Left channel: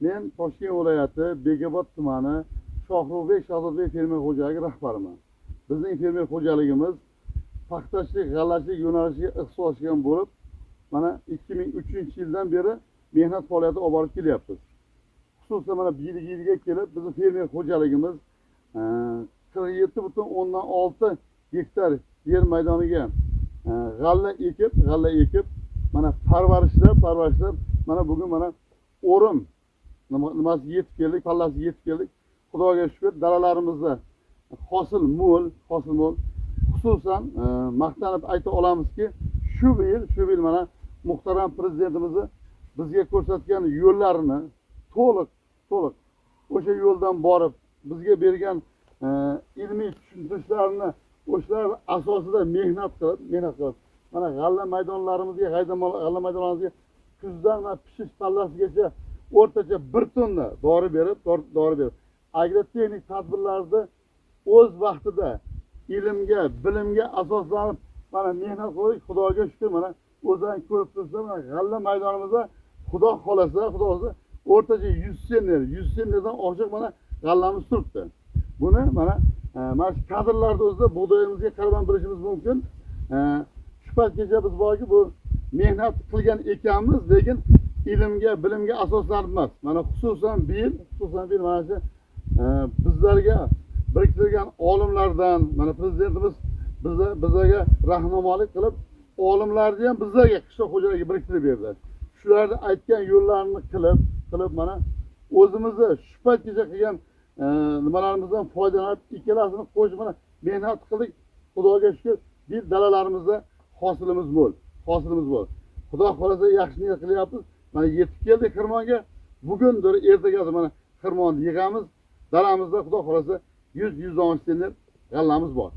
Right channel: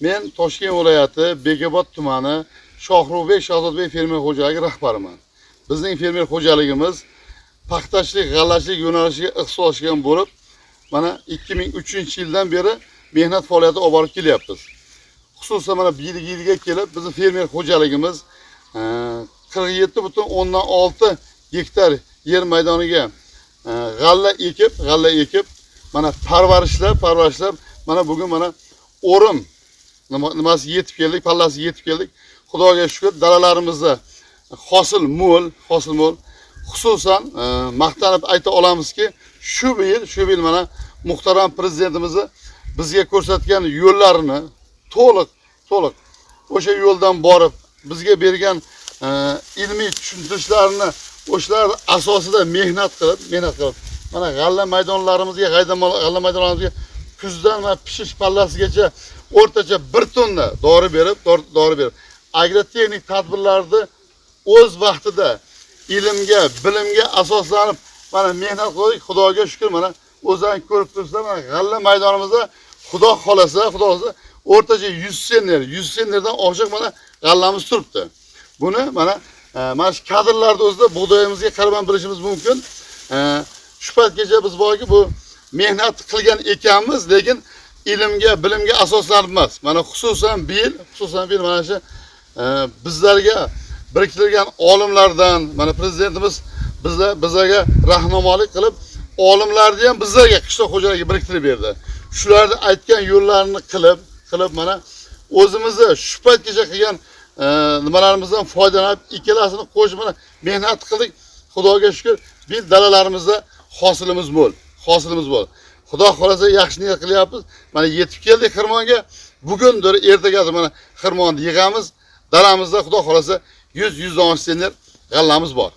Men Toshkent viloyati Bekobod tumani Shohrubek Shahzodbek fermer xo'jaligi rahbariman. Bizning fermer xo'jaligimiz paxtachilik, g'allachilik yo'nalishiga ixtisoslashgan bo'lib, mana 2003-yildan beri mehnat faoliyati olib borib kelyapmiz. Xususan mana bu yilga kelib bizning fermer xo'jaligimiz 47,6 gektar yer maydoniga g'alla ekib, mana parvarishlab, mana bugun mana o'rim nimasi yetib keldik, pallasi yetib keldik. Xudoga shukr, dalalarimizda hosil mo'l. Xususan maqtanib ayta olamizki, shu yil mana muhtaram prezidentimiz bizga ko'rsatgan yo'llarini to'liq o'sha yo'ldan borib, bizga bergan ilmiy tushuntirishlarini o'shalar asosida mehnat qilib mana g'alla maydonlarimizga kuzdan va pishish pallasigacha o'rtacha 1 tonna dori berib agrotexnik tadbirlarni o'z vaqtida ilmga, bilimga asoslanib mana mehnat qildik. Xudoga shukr, mana o'zlaring ko'rib turibsizlar, mana g'alla maydonimizda xudo xolasa o'rtacha 100 sennerdan oshiq mana g'allamiz turibdi. Buni mana shu kadrlarda o'zida bug'doyimizga qaraman bilishimiz mumkin. Shu paytgacha biz borki bu mehnat qilgan ekanmiz, lekin ilmga, bilimga asoslanib emas. Mana xususan bu yil mana shu bizlarga biriktirilgan olimlardan mana prezidentimiz bizlarga rahnamolik qilib, olimlarni ham bizlarga qishloq xo'jaligiga biriktirib berdi. Shularni aytgan yo'llarini qilib mana o'zimizni shu paytgacha qilgan nimalarimizdan foydalanib, ikkalasini qo'shib mana mehnat qildik. Xudoga shukr, biz dalalarimizda hosilimiz mo'l. Xudo xolasa yaxshi niyat qilyapmiz. Mana yetib keldik xirmonga. Bugundir, ertagadir mana xirmonni yig'amiz. Dalamizda xudo xolasa 100-110 senner g'allamiz bor.